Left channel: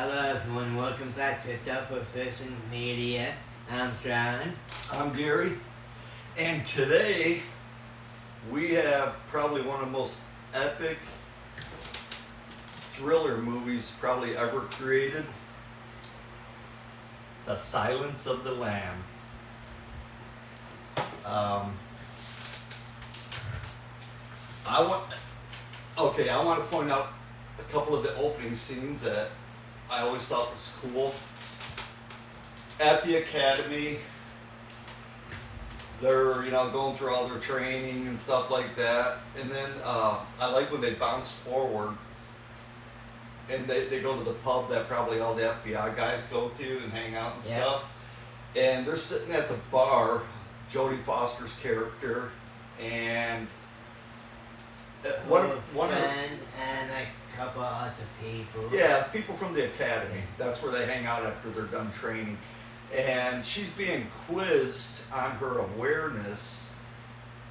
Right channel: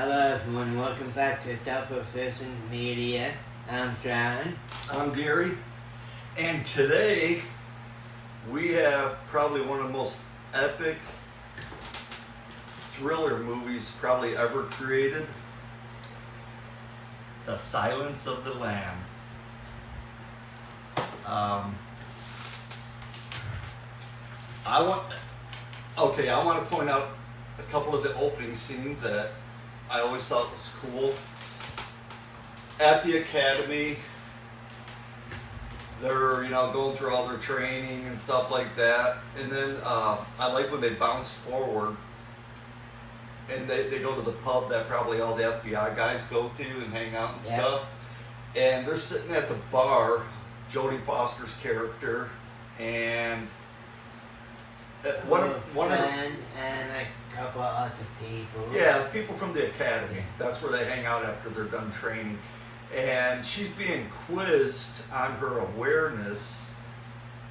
Hello everyone, welcome back to Double Vision Media. I'm John. I'm Gary, and today we have probably one of the most epic thriller movies probably ever created, The Silence of the Lamb. I want to point out a couple of the opening scenes that I always thought was cool. At the academy, they're going through all their training and stuff like that, and then I like when they bounce forward and they go to the pub that probably all the FBI guys go to and hang out and stuff, and they're sitting at the bar, Jodie Foster's character and one of her, and a couple other people. Yeah, people from the academy. That's where they hang out after they're done training. And she's being quizzed on her awareness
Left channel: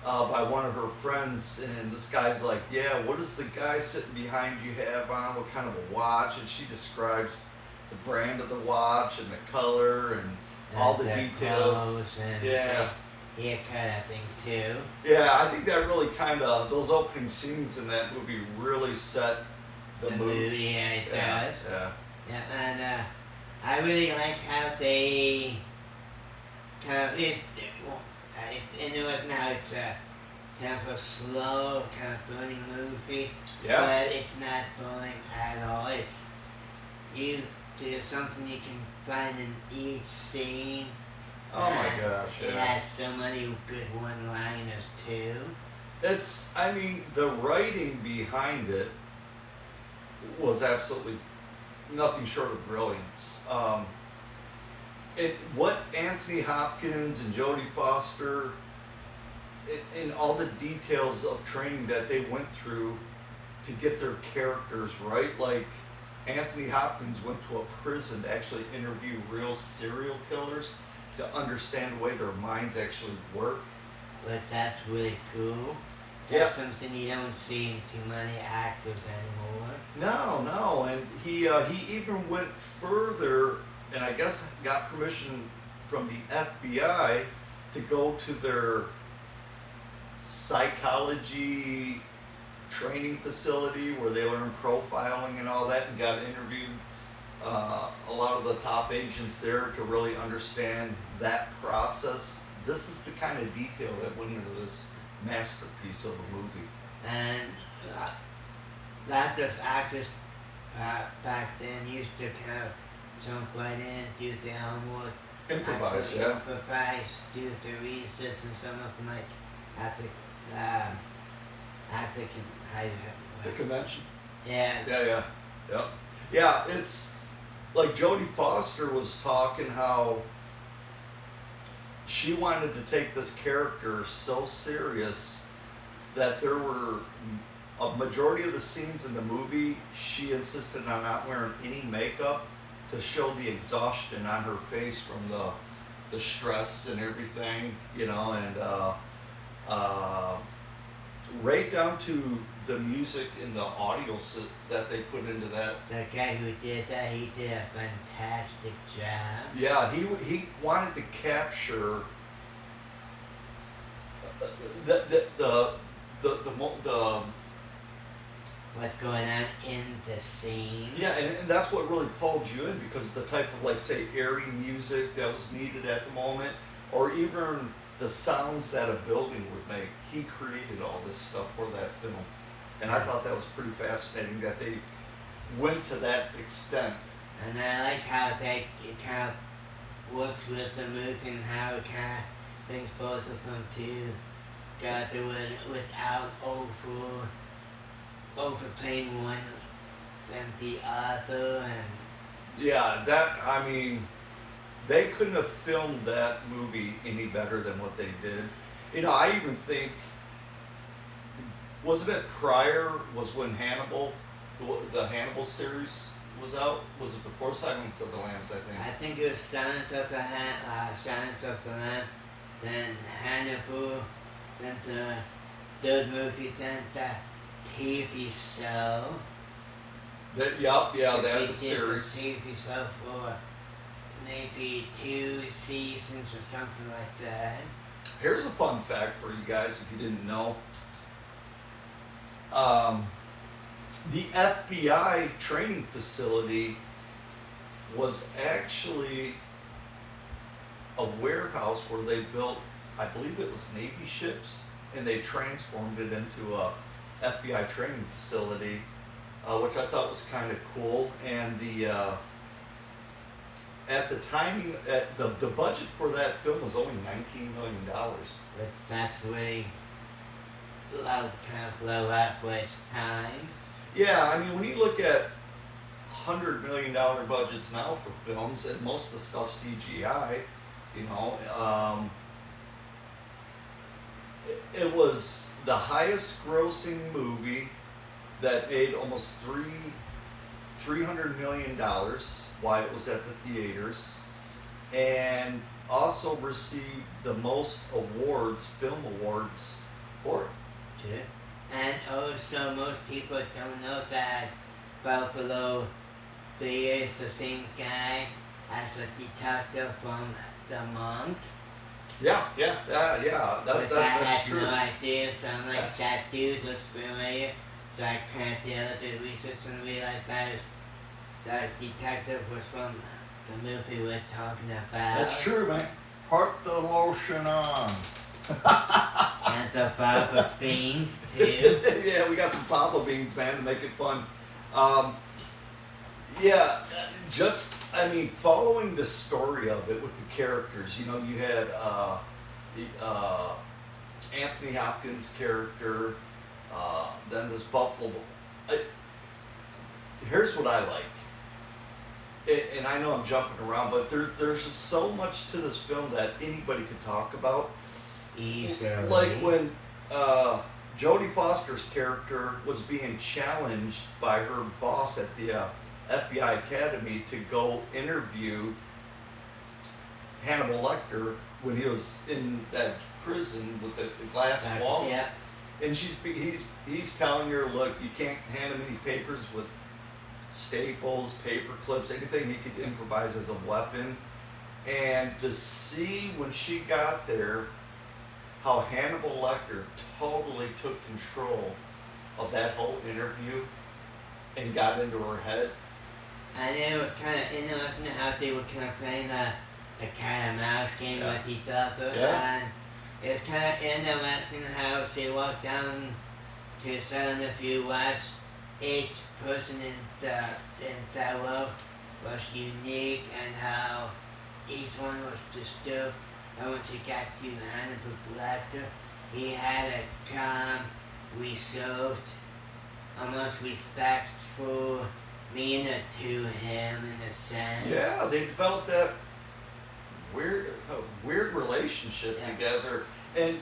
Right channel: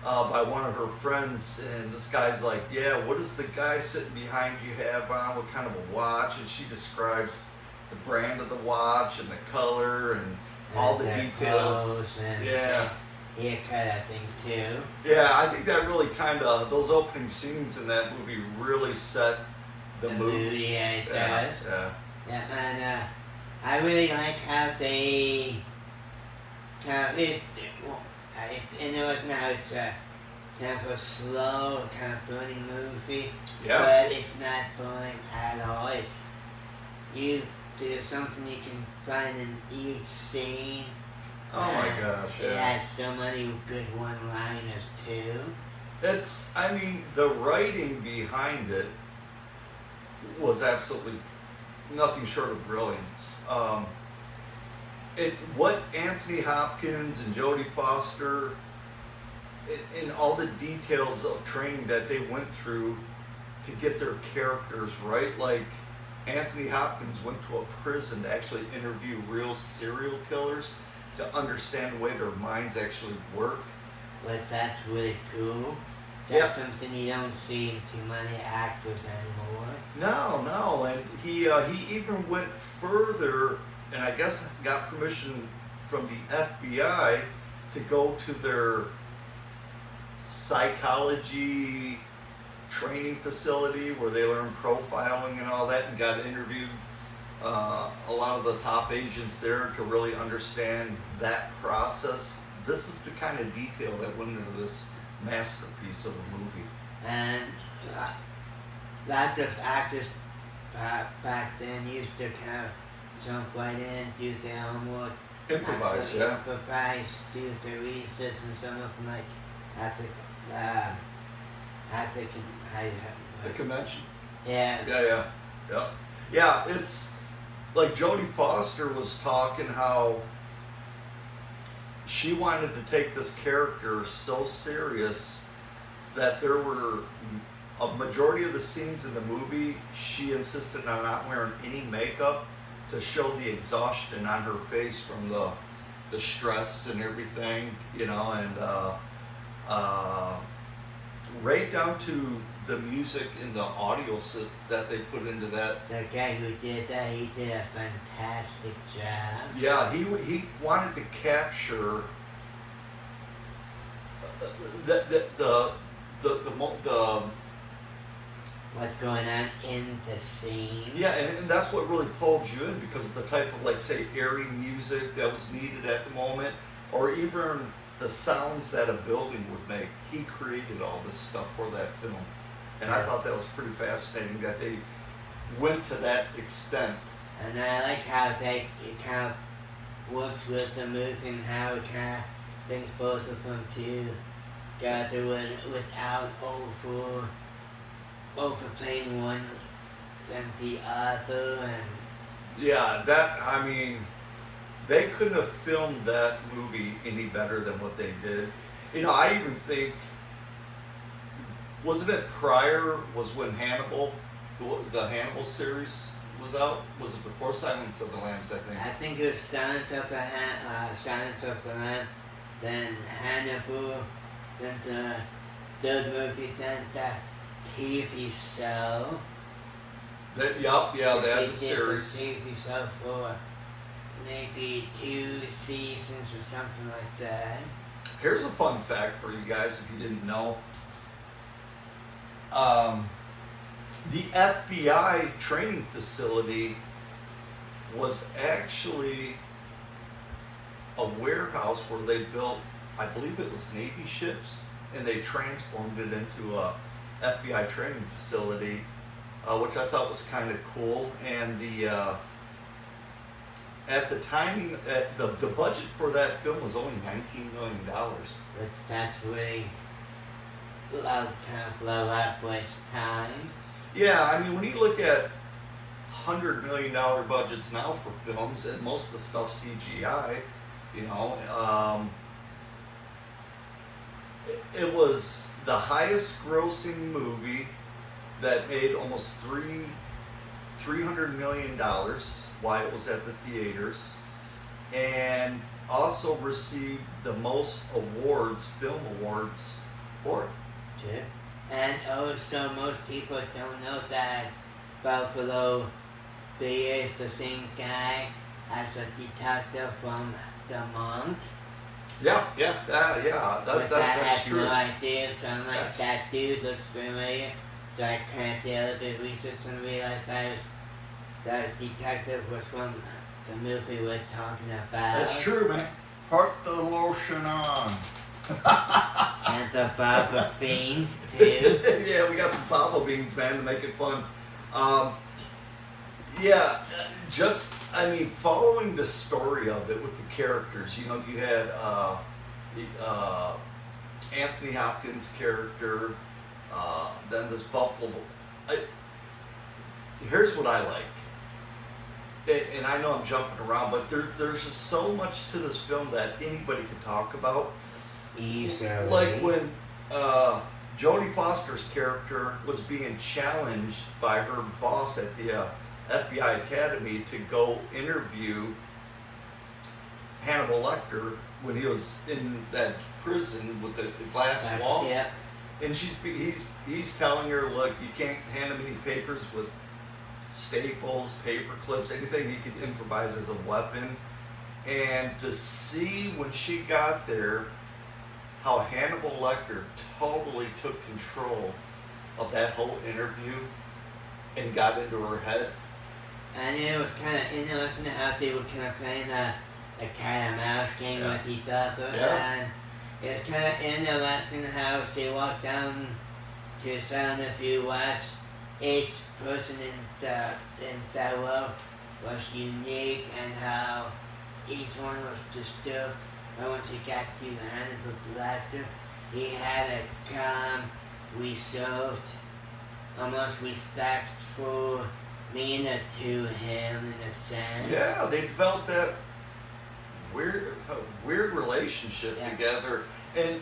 by one of her friends. And this guy's like, yeah, what does the guy sitting behind you have on? What kind of a watch? And she describes the brand of the watch and the color and all the details. Haircut, I think, too. Yeah, I think that really those opening scenes in that movie really set the mood. Yeah, it does. Yeah. And I really like how they kind of, it's kind of a slow, kind of boring movie. Yeah. But it's not boring at all. There's something you can find in each scene. Oh my gosh, yeah. It has so many good one-liners too. The writing behind it was absolutely nothing short of brilliance. What Anthony Hopkins and Jodie Foster, in all the details of training that they went through to get their characters right, like Anthony Hopkins went to a prison to actually interview real serial killers to understand the way their minds actually work. But that's really cool. That's something you don't see in too many actors anymore. No, and he even went further, and I guess got permission from the FBI to go to their psychology training facility where they learn profiling and all that, and got interviewed a lot of the top agents there to really understand that process. This is the kind of detail that went into this masterpiece of a movie. And lots of actors back then used to kind of jump right in, do their homework, Improvise, do their research, and some of them the convention. Yeah. Yeah, it's like Jodie Foster was talking how she wanted to take this character so serious that there were a majority of the scenes in the movie she insisted on not wearing any makeup to show the exhaustion on her face from the stress and everything, and right down to the music and the audio that they put into that. The guy who did that, he did a fantastic job. Yeah, he wanted to capture the what's going on in the scene. Yeah, and that's what really pulled you in, because of the type of, like, say, airy music that was needed at the moment, or even the sounds that a building would make. He created all this stuff for that film. And I thought that was pretty fascinating that they went to that extent. And I like how it kind of works with the movie and how it kind of brings both of them together without overplaying one than the other. And yeah, they couldn't have filmed that movie any better than what they did. I even think, wasn't it prior, was when Hannibal, the Hannibal series was out? Was it before Silence of the Lambs, I think? I think it was Silence of the Lambs, then Hannibal, then the third movie, then the TV show. Yeah, they had the series. So for maybe 2 seasons or something like that. Here's a fun fact for you guys if you didn't know. The FBI training facility was actually a warehouse where they built, I believe it was Navy ships, and they transformed it into a FBI training facility, which I thought was kind of cool. And at the timing, the budget for that film was only $19 million. Which that's really kind of low out for its time. Yeah, I mean, when you look at $100 million budgets now for films, and most of the stuff CGI, you know, it was the highest grossing movie that made almost $300 million while it was at the theaters, and also received the most awards, film awards, for it. Sure. And also, most people don't know that Buffalo Bill is the same guy as a detective from The Monk. Yeah, that's true. I had no idea, so I'm like, that dude looks familiar. So I kind of did a little bit of research and realized that detective was from the movie we're talking about. That's true, man. Put the lotion on. And the fava beans, too. Yeah, we got some fava beans, man, to make it fun. Following the story of it with the characters, you know, you had Anthony Hopkins' character, then this Buffalo. Here's what I like, and I know I'm jumping around, but there's just so much to this film that anybody could talk about. Easily. Like when Jodie Foster's character was being challenged by her boss at the FBI Academy to go interview Hannibal Lecter when he was in that prison with the glass wall. Yeah. And he's telling her, look, you can't hand him any papers with staples, paper clips, anything he could improvise as a weapon. And to see when she got there how Hannibal Lecter totally took control of that whole interview and got into her head. And it was kind of interesting how they were kind of playing a cat and mouse game with each other. Yeah. And it's kind of interesting how she walked down to sound if you watch each person in that world was unique and how each one was disturbed. And once he got to Hannibal Lecter, he had a calm, reserved, almost respectful demeanor to him in a sense. Yeah, they developed that weird relationship together, and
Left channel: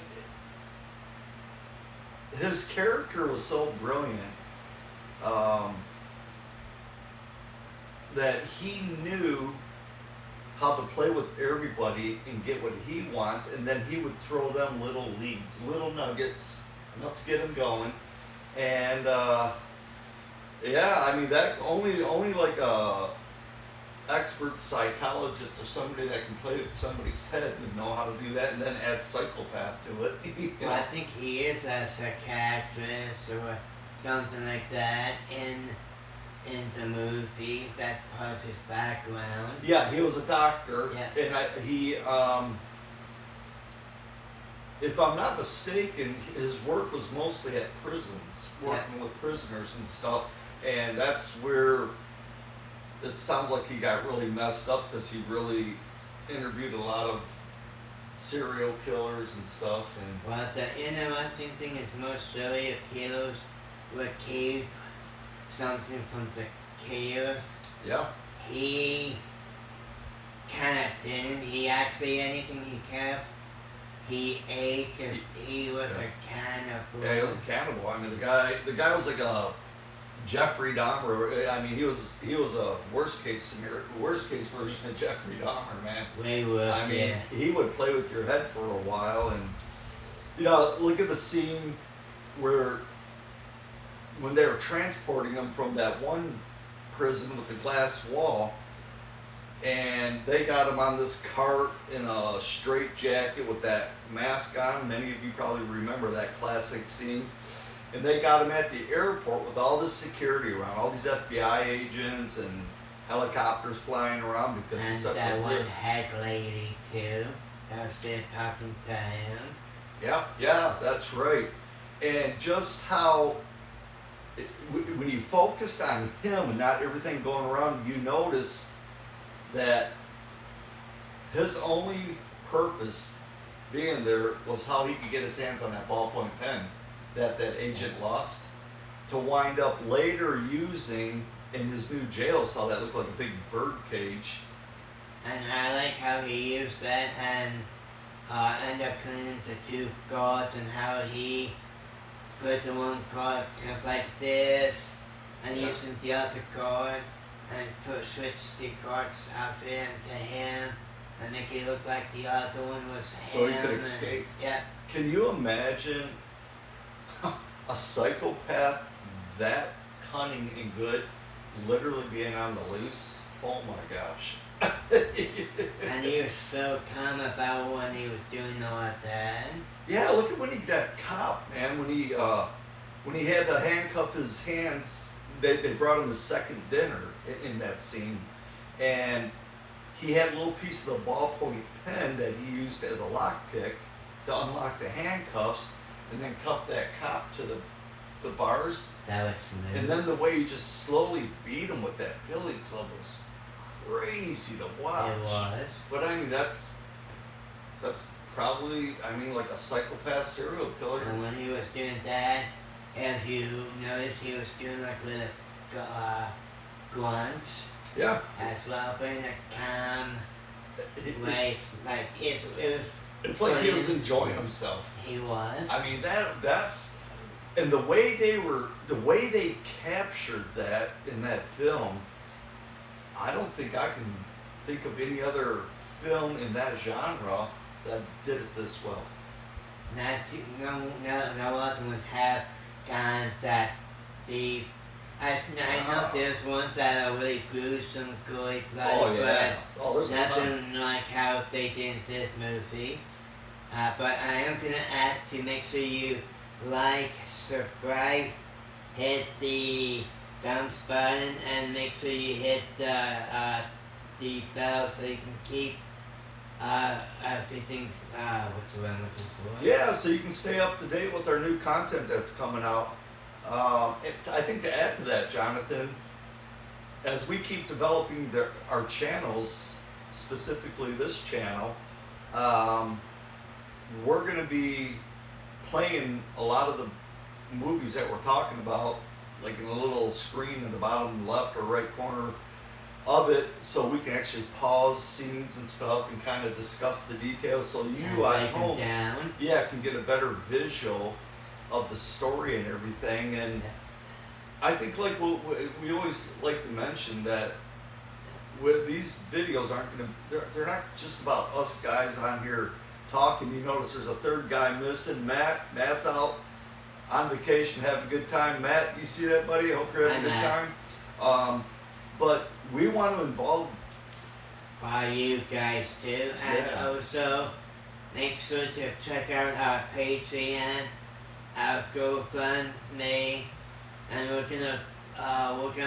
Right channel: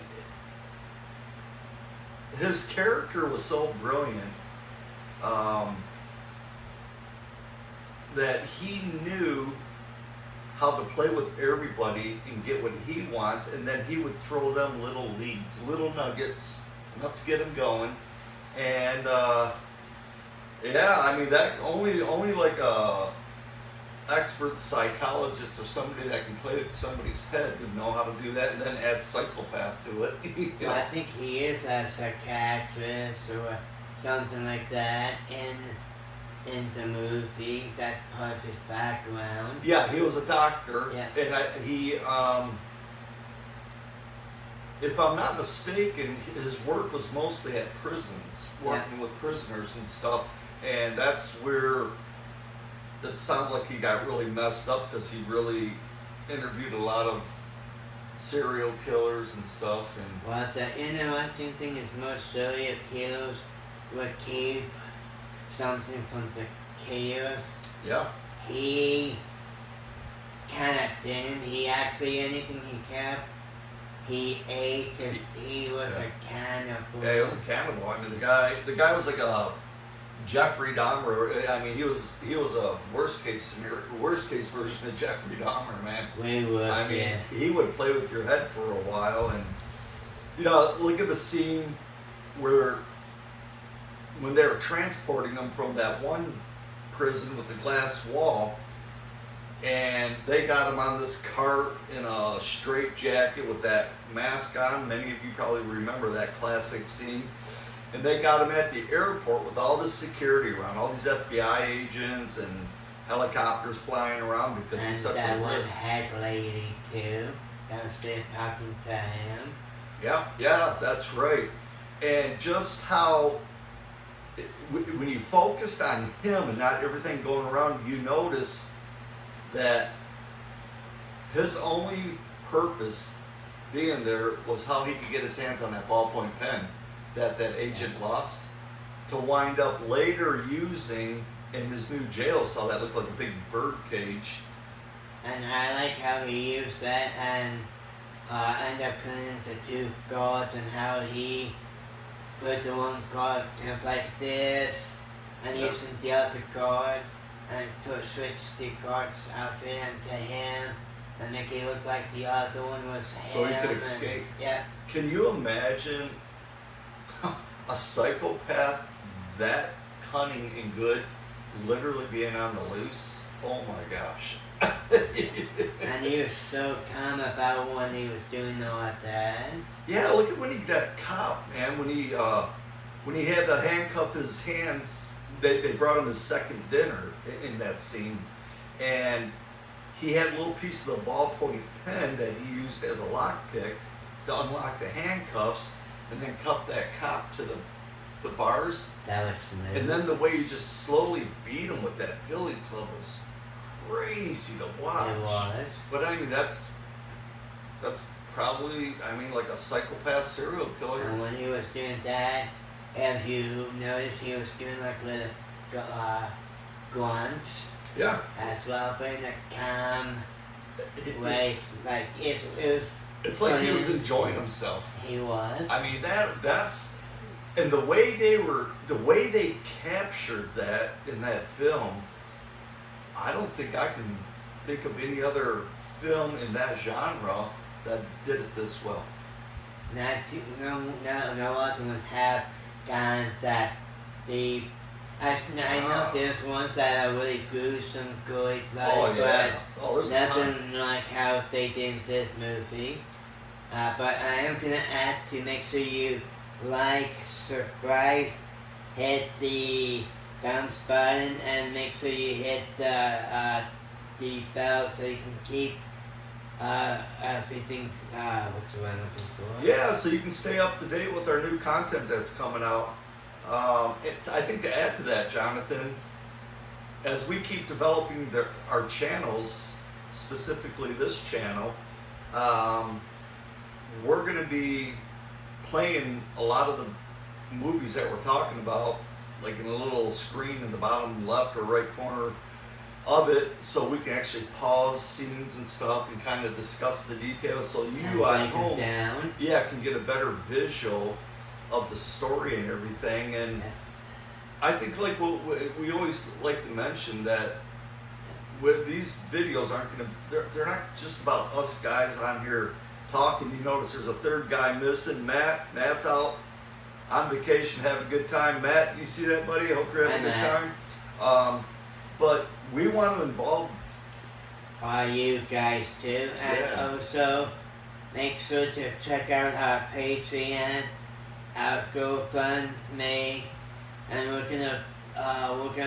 his character was so brilliant that he knew how to play with everybody and get what he wants, and then he would throw them little leads, little nuggets, enough to get them going. And that only like a expert psychologist or somebody that can play with somebody's head would know how to do that, and then add psychopath to it. Well, I think he is a psychiatrist or something like that in the movie. That's part of his background. Yeah, he was a doctor, and if I'm not mistaken, his work was mostly at prisons, working with prisoners and stuff, and that's where it sounds like he got really messed up because he really interviewed a lot of serial killers and stuff. And well, the interesting thing is most serial killers would keep something from the killers. Yeah. He kind of didn't. He actually, anything he kept, he ate because he was a cannibal. Yeah, he was a cannibal. I mean, the guy was like a Jeffrey Dahmer. I mean, he was a worst case version of Jeffrey Dahmer, man. Way worse. I mean, he would play with your head for a while, and look at the scene where when they were transporting him from that one prison with the glass wall. And they got him on this cart in a straitjacket with that mask on. Many of you probably remember that classic scene. And they got him at the airport with all this security around, all these FBI agents and helicopters flying around because he's such that a one risk. head lady too, that was there talking to him. Yeah, that's right. And just how, when you focused on him and not everything going around, you notice that his only purpose being there was how he could get his hands on that ballpoint pen that agent lost, to wind up later using in his new jail cell that looked like a big bird cage. And I like how he used that and ended up putting into two guards, and how he put the one guard kind of like this and using the other guard and switch the guard's outfit into him and make it look like the other one was him. So he could escape. Yeah. Can you imagine a psychopath that cunning and good literally being on the loose? Oh my gosh. And he was so calm about when he was doing all of that. Yeah, look at when he got caught, man. When he had to handcuff his hands, they brought him his second dinner in that scene, and he had a little piece of the ballpoint pen that he used as a lockpick to unlock the handcuffs, and then cuff that cop to the bars. That was smooth. And then the way he just slowly beat him with that billy club was crazy to watch. It was. But I mean, that's probably, I mean, like a psychopath serial killer. And when he was doing that, if you notice, he was doing like little grunts Yeah. as well, but in a calm way. Like it was. It's like he was enjoying himself. He was. I mean, that's, and the way they captured that in that film, I don't think I can think of any other film in that genre that did it this well. No other ones have gone that deep. I know there's ones that are really gruesome, good, bloody, but nothing like how they did in this movie. But I am gonna add to make sure you like, subscribe, hit the thumbs button, and make sure you hit the bell so you can keep everything. What's the word I'm looking for? Yeah, so you can stay up to date with our new content that's coming out. I think to add to that, Jonathan, as we keep developing our channels, specifically this channel, we're going to be playing a lot of the movies that we're talking about, like in the little screen in the bottom left or right corner of it, so we can actually pause scenes and stuff and kind of discuss the details, so you at home can get a better visual of the story and everything. And I think, like we always like to mention, that with these videos they're not just about us guys on here talking. You notice there's a third guy missing, Matt's out on vacation having a good time. Matt, you see that, buddy? I hope you're having a good time. But we want to involve you guys too, and also make sure to check out our Patreon, our GoFundMe, and we're gonna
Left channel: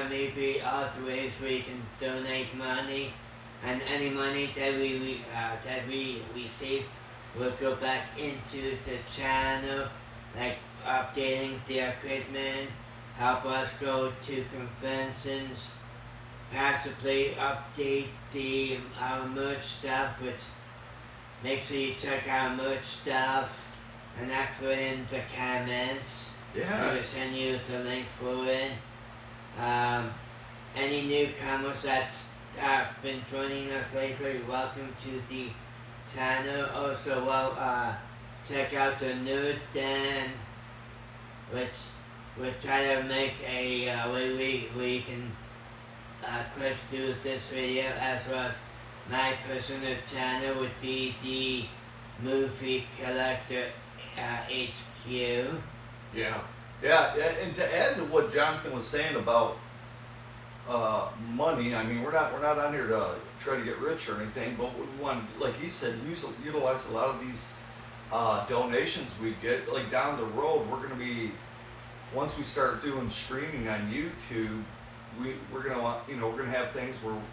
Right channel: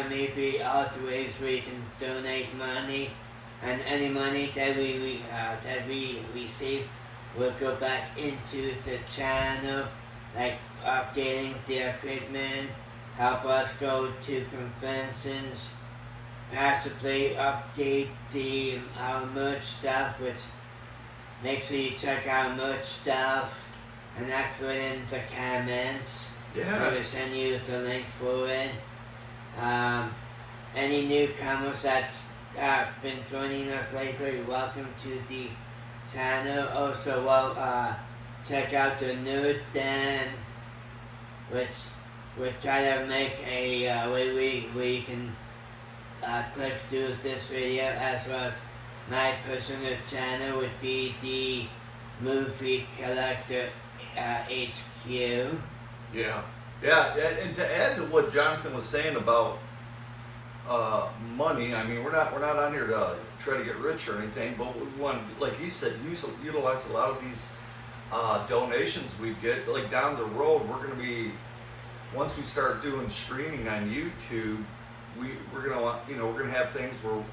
maybe other ways where you can donate money, and any money that we receive will go back into the channel, like updating the equipment, help us go to conventions, possibly update our merch stuff, which make sure you check our merch stuff, and that's put in the comments. Yeah. We'll send you the link for it. Any newcomers that's been joining us lately, welcome to the channel. Also, check out the Nerd Den, which we're trying to make a way where you can click through this video, as well as my personal channel would be the Movie Collector HQ. Yeah, and to add to what Jonathan was saying about money. I mean, we're not on here to try to get rich or anything, but we want, like he said, utilize a lot of these donations we get. Like down the road, we're going to be, once we start doing streaming on YouTube, we're gonna we're gonna have things where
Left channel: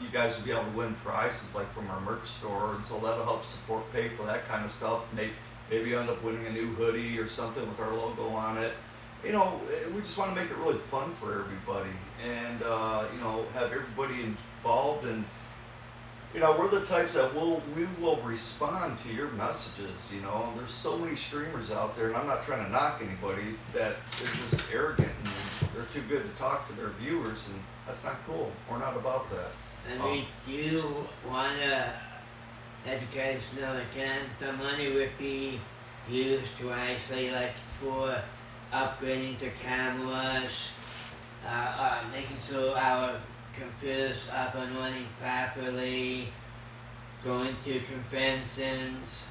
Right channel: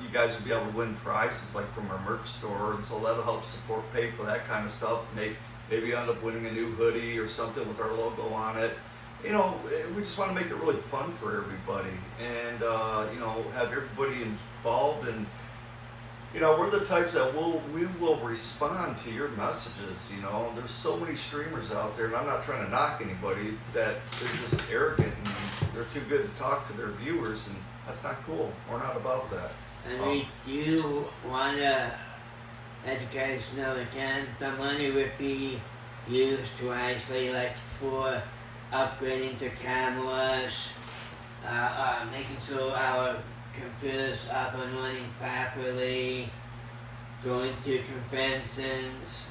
you guys will be able to win prizes like from our merch store, and so that'll help pay for that kind of stuff. Maybe end up winning a new hoodie or something with our logo on it. You know, we just want to make it really fun for everybody, and have everybody involved. And we're the types that we will respond to your messages. There's so many streamers out there, and I'm not trying to knock anybody, that they're just arrogant and they're too good to talk to their viewers, and that's not cool. We're not about that. And we do want to let you guys know again, the money would be used wisely, like for upgrading the cameras, making sure our computers up and running properly, going to conventions,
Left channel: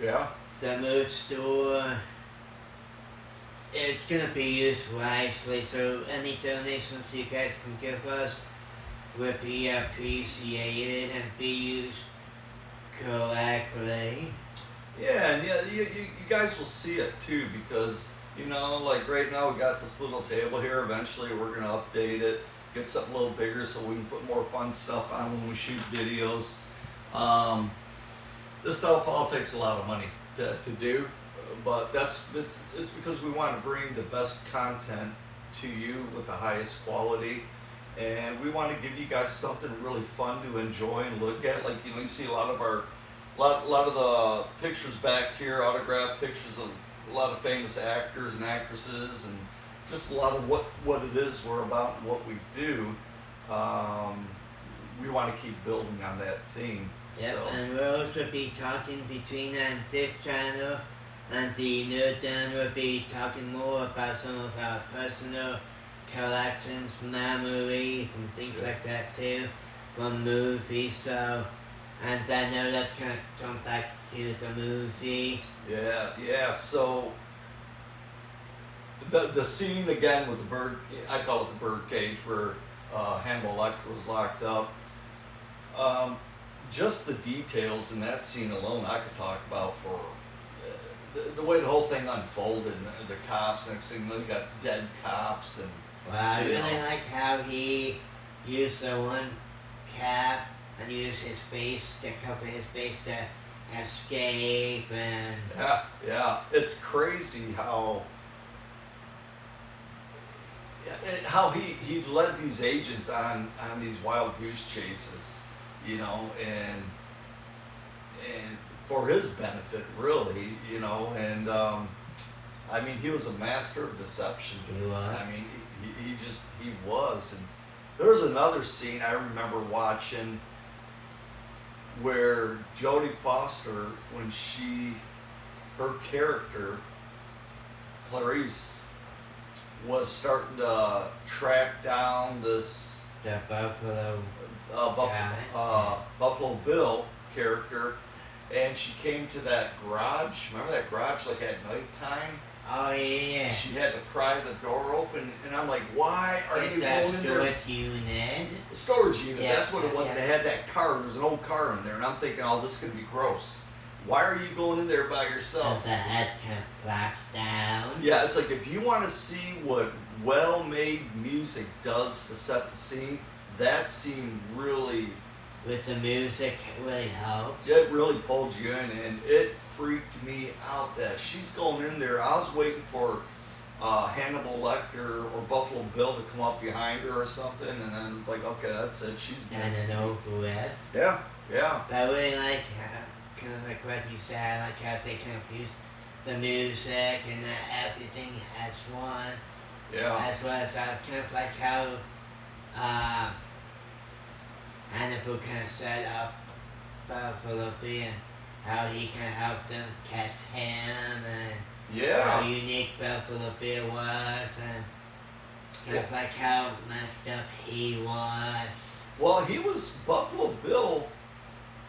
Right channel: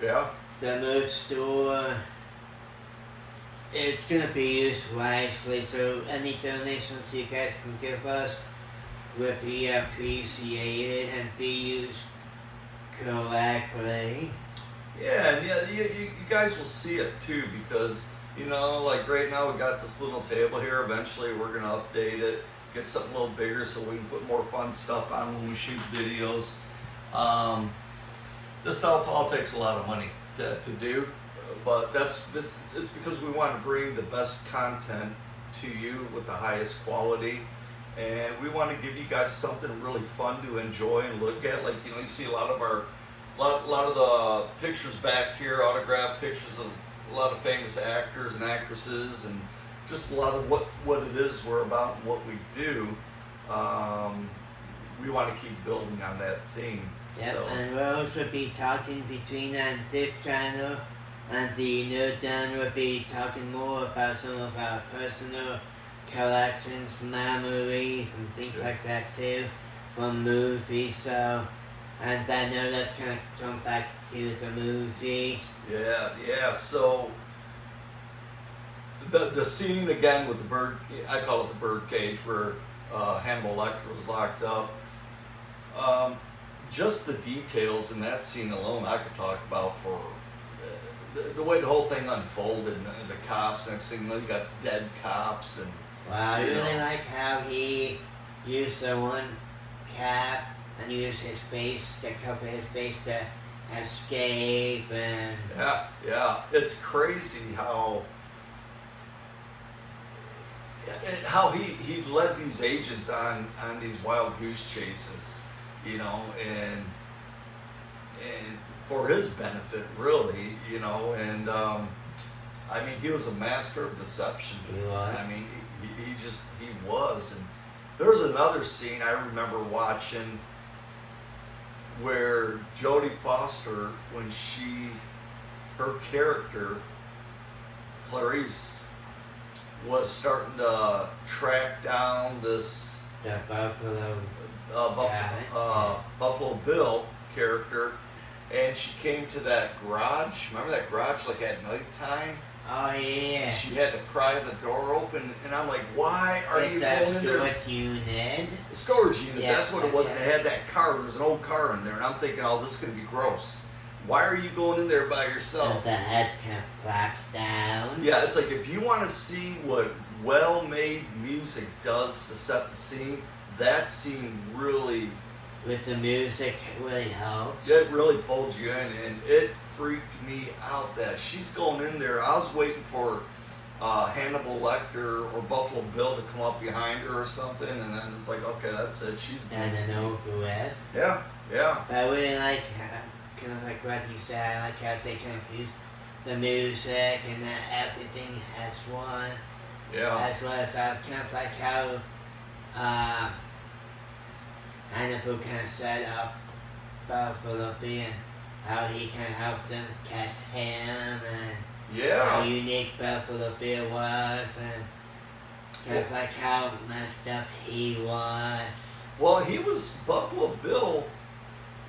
the merch store. It's going to be used wisely, so any donations you guys can give us would be appreciated and be used correctly. Yeah, and you guys will see it too, because like right now we got this little table here. Eventually we're going to update it, get something a little bigger so we can put more fun stuff on when we shoot videos. This stuff all takes a lot of money to do, but it's because we want to bring the best content to you with the highest quality, and we want to give you guys something really fun to enjoy and look at. Like you see a lot of the pictures back here, autographed pictures of a lot of famous actors and actresses, and just a lot of what it is we're about and what we do. We want to keep building on that theme. Yep, So. and we'll also be talking between this channel and the Nerd Den. We'll be talking more about some of our personal collections, memories, and things like that too, from movies. So, and I know let's kind of jump back to the movie. Yeah. So the scene again with the bird, I call it the bird cage, where Hannibal Lecter was locked up. Just the details in that scene alone, I could talk about for the way the whole thing unfolded. The cops, next thing you know, you got dead cops, and I really like how he used the one cap and used his face to cover his face to escape, and yeah, it's crazy how he led these agents on these wild goose chases, and for his benefit, really, and I mean, he was a master of deception. He was. I mean, he was. And there was another scene I remember watching where Jodie Foster, when her character, Clarice, was starting to track down this Buffalo Bill character, and she came to that garage. Remember that garage, like at nighttime? Oh yeah. And she had to pry the door open, and I'm like, why are you that going in there? storage unit. Storage unit, Yeah, that's what it was. And it had that car. There was an old car in there, and I'm thinking, oh, this could be gross. Why are you going in there by yourself? And the head kind of flaps down. Yeah, it's like, if you want to see what well-made music does to set the scene, that scene really... With the music, it really helped. It really pulled you in, and it freaked me out that she's going in there. I was waiting for Hannibal Lecter or Buffalo Bill to come up behind her or something, and then it's like, okay, that's it. She's And then over with. Yeah. But I really like, kind of like what you said, I like how they kind of use the music and everything as one. Yeah. As well as kind of like how Hannibal kind of set up Buffalo Bill and how he kind of helped them catch him, and how unique Buffalo Bill was, and kind of like how messed up he was. Well, Buffalo Bill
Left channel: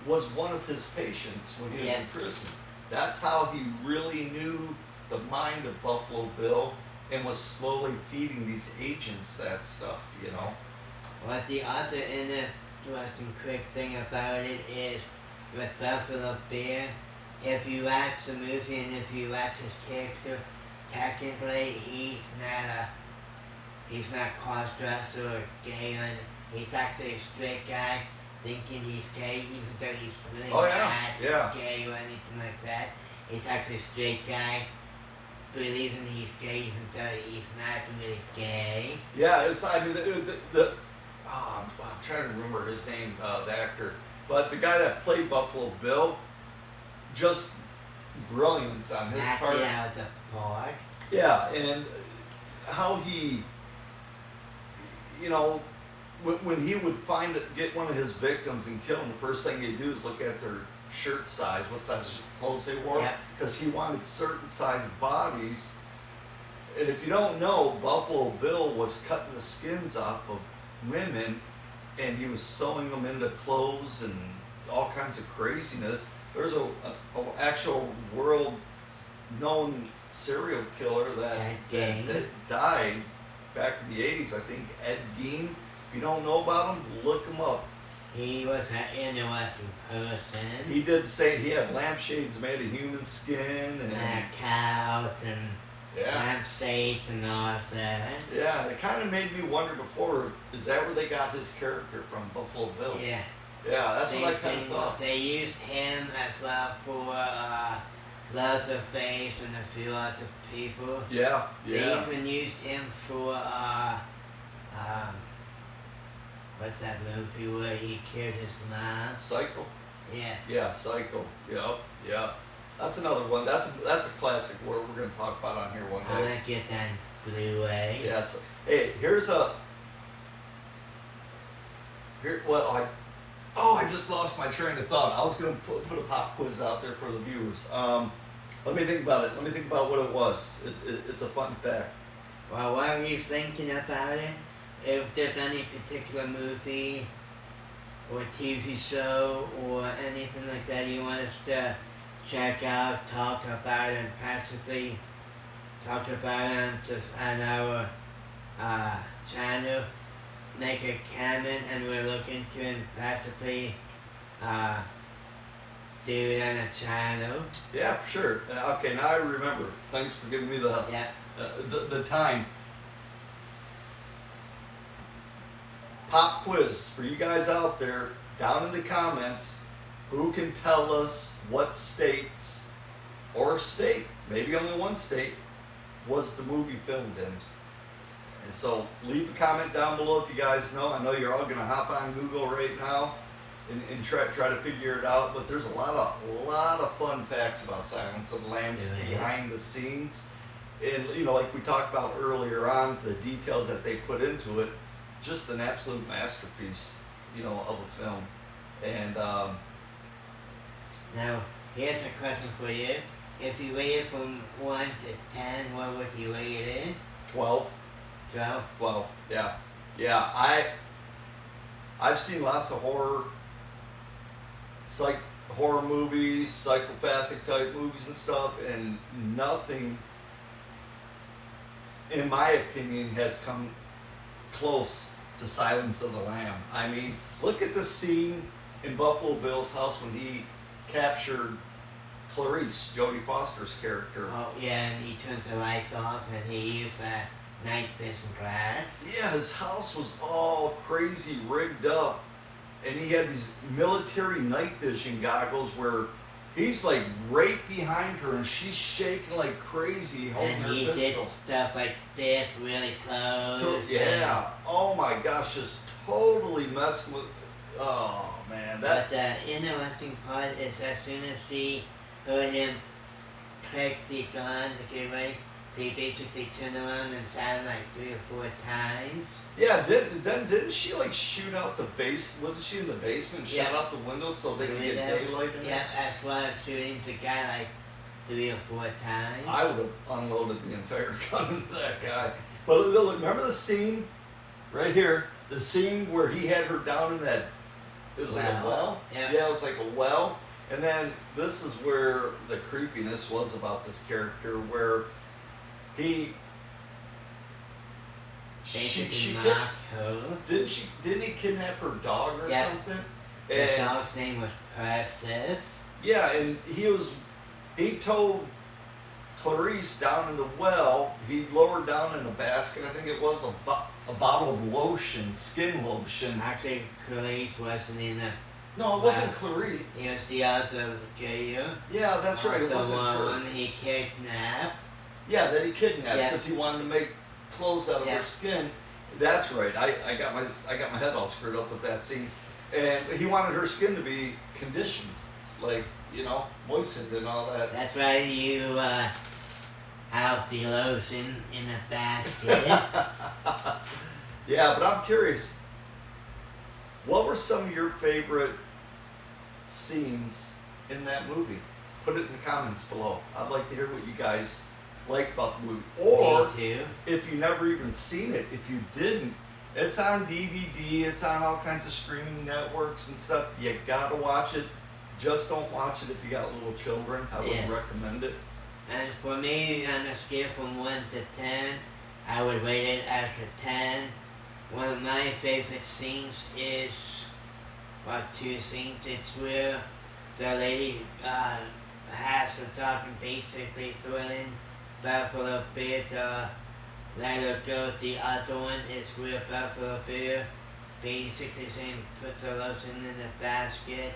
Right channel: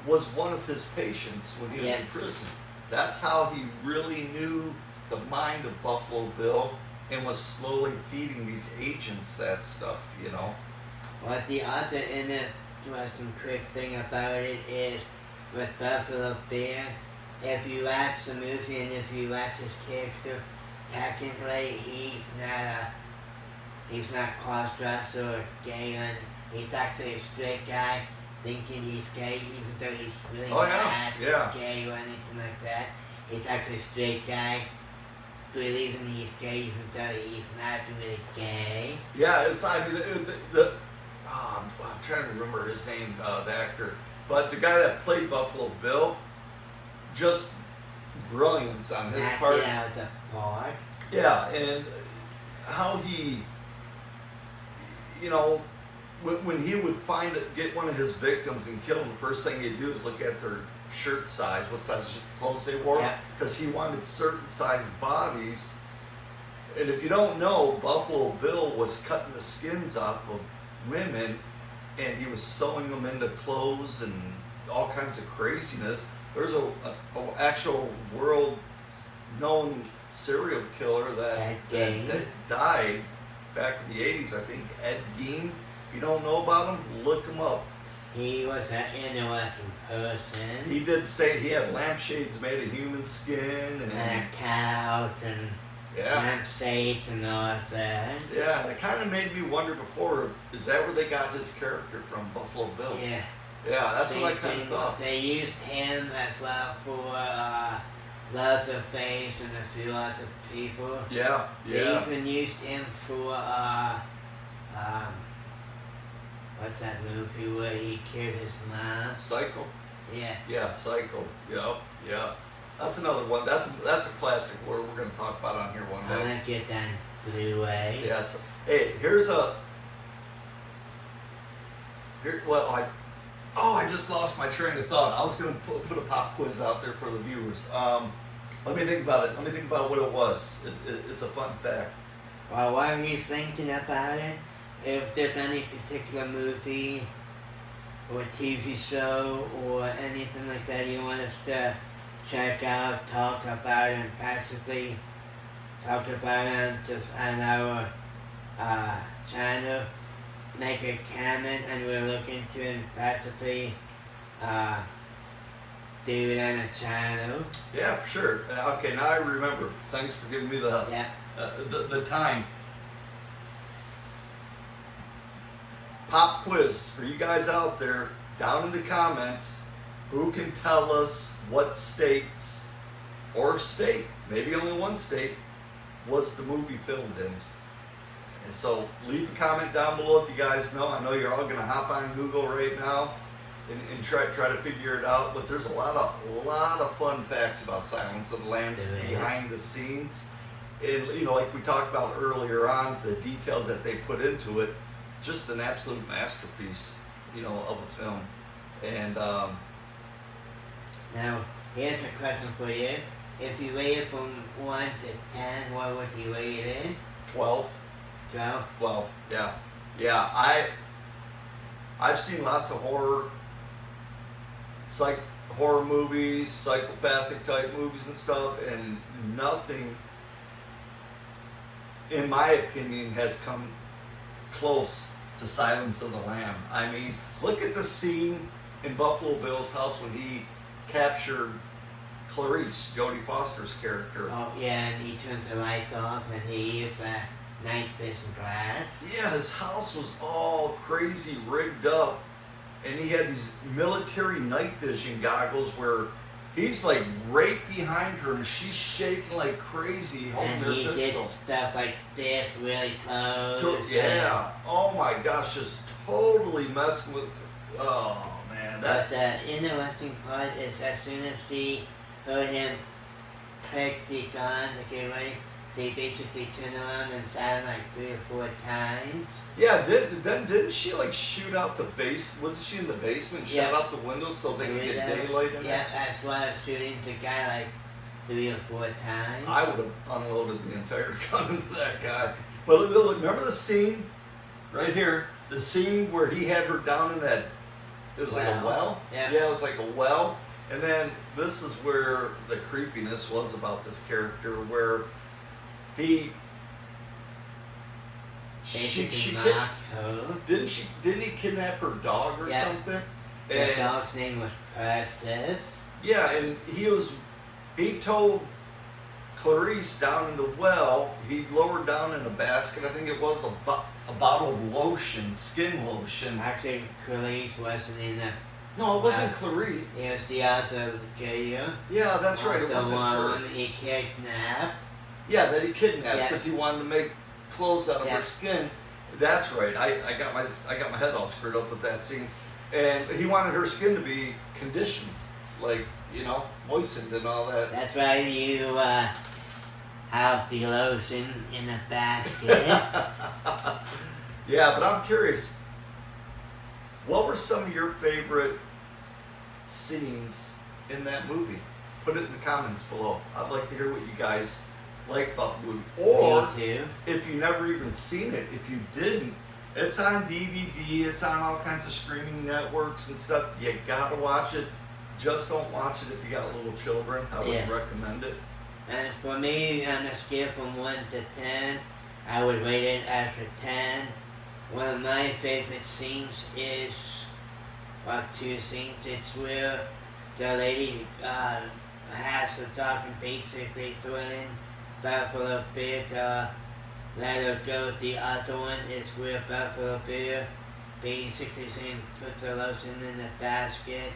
was one of his patients when he was in prison. That's how he really knew the mind of Buffalo Bill, and was slowly feeding these agents that stuff, you know. What the other interesting quick thing about it is with Buffalo Bill, if you watch the movie and if you watch his character, technically he's not cross-dresser or gay or anything. He's actually a straight guy thinking he's gay, even though he's really not gay or anything like that. He's actually a straight guy believing he's gay, even though he's not really gay. Yeah, it's, I mean, I'm trying to remember his name, the actor, but the guy that played Buffalo Bill, just brilliance on his part. Out of the park. Yeah, and how he, you know, when he would get one of his victims and kill him, the first thing he'd do is look at their shirt size, what size clothes they wore, because he wanted certain size bodies. And if you don't know, Buffalo Bill was cutting the skins off of women, and he was sewing them into clothes and all kinds of craziness. There's a actual world-known serial killer that died back in the 80s, I think, Ed Gein. If you don't know about him, look him up. He was an interesting person. He did say he had lampshades made of human skin and a couch and lampshades and all of that. Yeah, and it kind of made me wonder before, is that where they got his character from, Buffalo Bill? Yeah. Yeah, that's what I kind of thought. They used him as well for Leatherface and a few other people. Yeah, yeah. They even used him for what's that movie where he killed his mom? Psycho. Yeah. Yeah, Psycho. Yeah. That's another one. That's a classic we're going to talk about on here one day. I'm going to get that Blu-ray. Yes. Hey, I just lost my train of thought. I was going to put a pop quiz out there for the viewers. Let me think about it. Let me think about what it was. It's a fun fact. Well, while you're thinking about it, if there's any particular movie or TV show or anything like that you want us to check out, talk about, and possibly talk about it on our channel, make a comment, and we'll look into it and possibly do it on a channel. Yeah, for sure. Okay, now I remember. Thanks for giving me the time. Pop quiz for you guys out there, down in the comments, who can tell us what states or state, maybe only one state, was the movie filmed in. And so leave a comment down below if you guys know. I know you're all gonna hop on Google right now and try to figure it out, but there's a lot of fun facts about Silence of the Lambs behind the scenes. And you know, like we talked about earlier on, the details that they put into it, just an absolute masterpiece, you know, of a film. And now here's a question for you. If you rate it from 1 to 10, what would you rate it in? 12. 12? 12, yeah. I've seen lots of horror movies, psychopathic type movies and stuff, and nothing, in my opinion, has come close to Silence of the Lamb. I mean, look at the scene in Buffalo Bill's house when he captured Clarice, Jodie Foster's character. Oh yeah, and he turned the light off and he used a night vision glass. Yeah, his house was all crazy rigged up, and he had these military night vision goggles where he's like right behind her and she's shaking like crazy holding her pistol. And he did stuff like this really close. Yeah. Oh my gosh, just totally messing with. Oh man, But the interesting part is as soon as he heard him click the gun to get ready, so he basically turned around and shot him like 3 or 4 times. Yeah, didn't she like shoot out the base? Wasn't she in the basement? Shut out the windows so they could get daylight in there? Yeah, as well as shooting the guy like 3 or 4 times. I would have unloaded the entire gun into that guy. But remember the scene right here? The scene where he had her down in that, it was like a well? Yeah, it was like a well. And then this is where the creepiness was about this character, where he She mocked her. didn't he kidnap her dog or Yeah. something? The And dog's name was Princess. yeah, and he told Clarice down in the well, he lowered down in a basket, I think it was a bottle of lotion, skin lotion. Actually, Clarice wasn't in the. No, it wasn't Clarice. It was the other girl. Yeah, that's right. It The wasn't one Clarice. he kidnapped. Yeah, that he kidnapped Yeah. because he wanted to make clothes out of Yeah. her skin. That's right. I got my head all screwed up with that scene, and he wanted her skin to be conditioned, like moistened and all that. That's why you have the lotion in a basket. Yeah, but I'm curious. What were some of your favorite scenes in that movie? Put it in the comments below. I'd like to hear what you guys like about the movie. Or Me too. if you never even seen it, if you didn't, it's on DVD, it's on all kinds of streaming networks and stuff. You gotta watch it. Just don't watch it if you got little children. I wouldn't Yes. recommend it. And for me, on a scale from 1 to 10, I would rate it as a 10. One of my favorite scenes is, well, two scenes. It's where the lady has the dog and basically threatening Buffalo Bear to let her go. The other one is where Buffalo Bear basically saying put the lotion in the basket.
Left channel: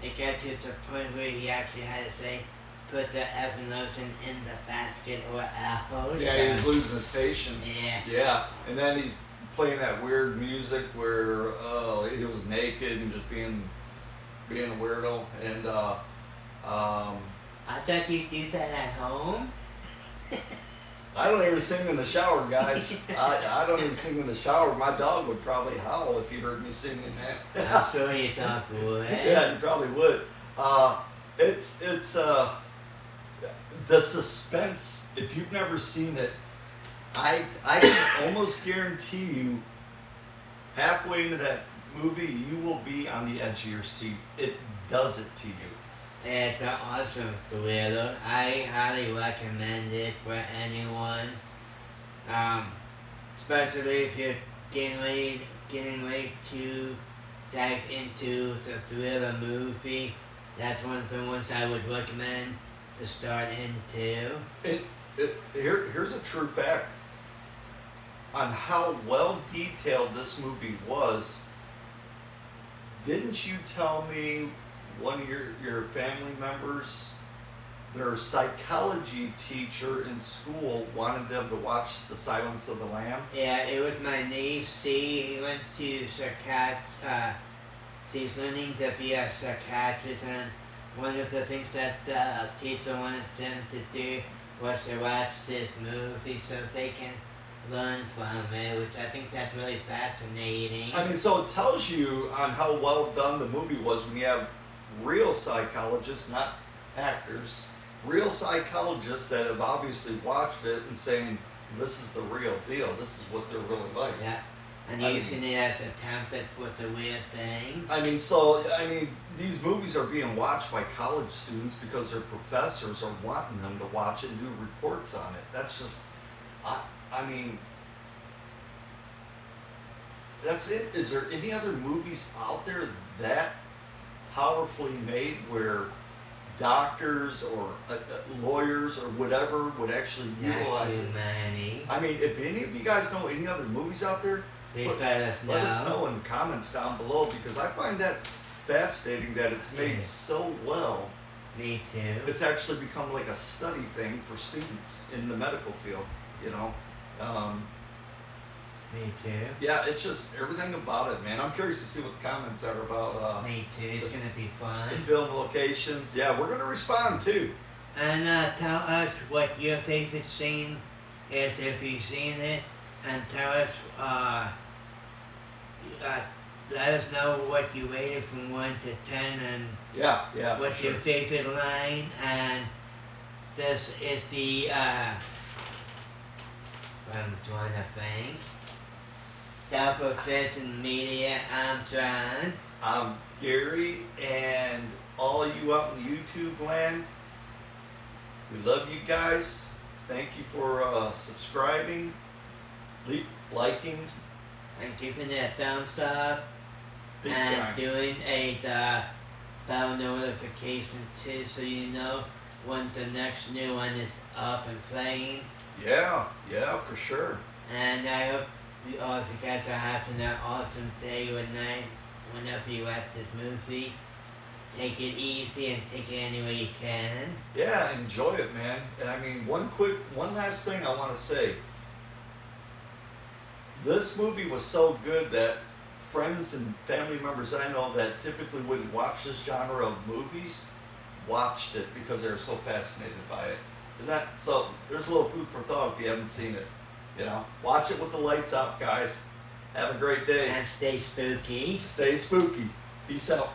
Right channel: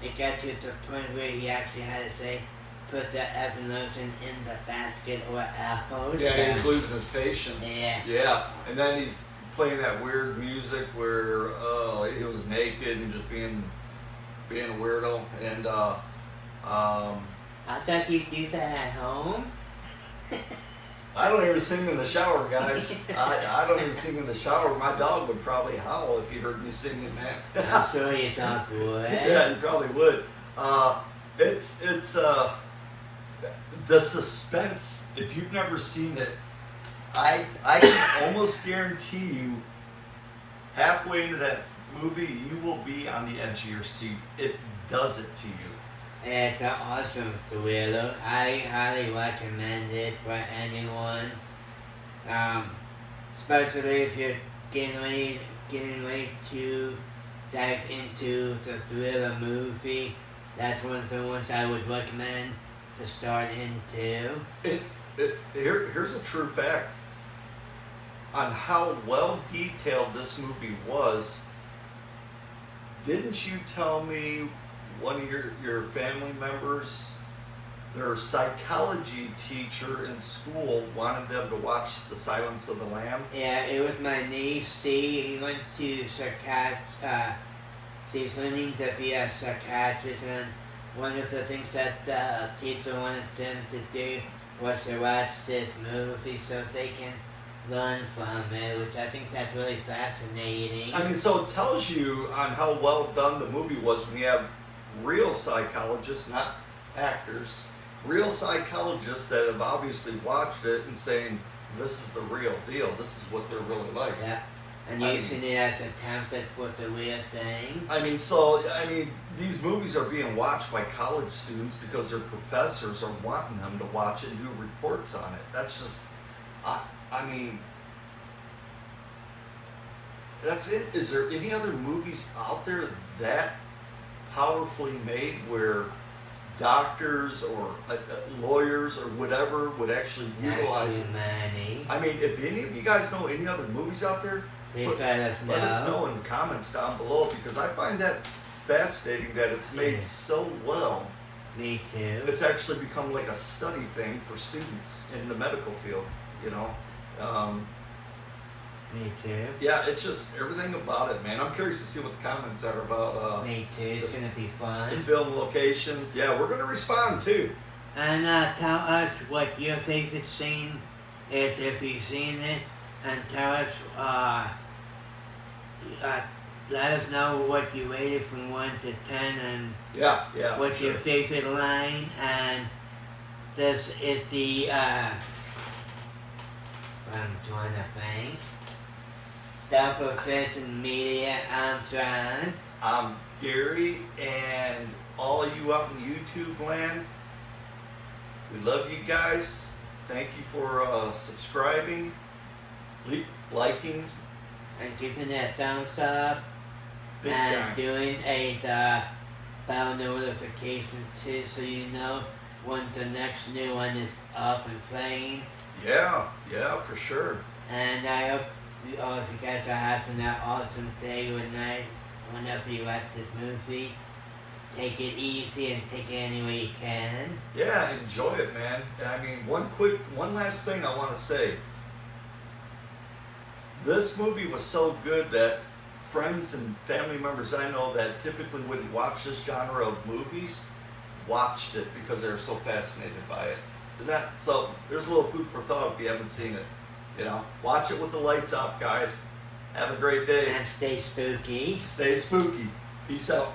It got to the point where he actually had to say, put the effing lotion in the basket or else. Yeah, he was losing his patience. Yeah. Yeah, and then he's playing that weird music where he was naked and just being a weirdo. And I thought you do that at home. I don't even sing in the shower, guys. I don't even sing in the shower. My dog would probably howl if he heard me singing that. I'm sure your dog would. Yeah, he probably would. It's the suspense. If you've never seen it, I can almost guarantee you, halfway into that movie, you will be on the edge of your seat. It does it to you. It's an awesome thriller. I highly recommend it for anyone. Especially if you're getting ready to dive into the thriller movie. That's one of the ones I would recommend to start into. Here's a true fact on how well detailed this movie was. Didn't you tell me one of your family members, their psychology teacher in school wanted them to watch The Silence of the Lamb? Yeah, it was my niece. She went to she's learning to be a psychiatrist, and one of the things that the teacher wanted them to do was to watch this movie so they can learn from it, which I think that's really fascinating. I mean, so it tells you on how well done the movie was when you have real psychologists, not actors, real psychologists that have obviously watched it and saying, this is the real deal, this is what they're really like. Yeah, and using it as a template for the weird thing. I mean, these movies are being watched by college students because their professors are wanting them to watch it and do reports on it. That's just, I mean, that's it. Is there any other movies out there that powerfully made where doctors or lawyers or whatever would actually utilize it? Many. I mean, if any of you guys know any other movies out there, Please let us know. let us know in the comments down below, because I find that fascinating that it's made so well. Me too. It's actually become like a study thing for students in the medical field, you know. Me too. Yeah, it's just everything about it, man. I'm curious to see what the comments are about Me too. It's gonna be fun. the film locations. Yeah, we're gonna respond too. And tell us what your favorite scene is if you've seen it, and tell us, let us know what you rated from 1 to 10, and Yeah, what's for your sure. favorite line, and this is the, I'm trying to think. Self-Professing Media, I'm John. I'm Gary, and all of you out in YouTube land, we love you guys. Thank you for subscribing, liking, and giving it a thumbs up, big and time. doing the bell notification too, so you know when the next new one is up and playing. Yeah, for sure. And I hope all of you guys are having an awesome day or night whenever you watch this movie. Take it easy and take it any way you can. Yeah, enjoy it, man. I mean, one last thing I want to say. This movie was so good that friends and family members I know that typically wouldn't watch this genre of movies watched it because they were so fascinated by it. So there's a little food for thought if you haven't seen it. You know, watch it with the lights off, guys. Have a great day. And stay spooky. Stay spooky. Peace out.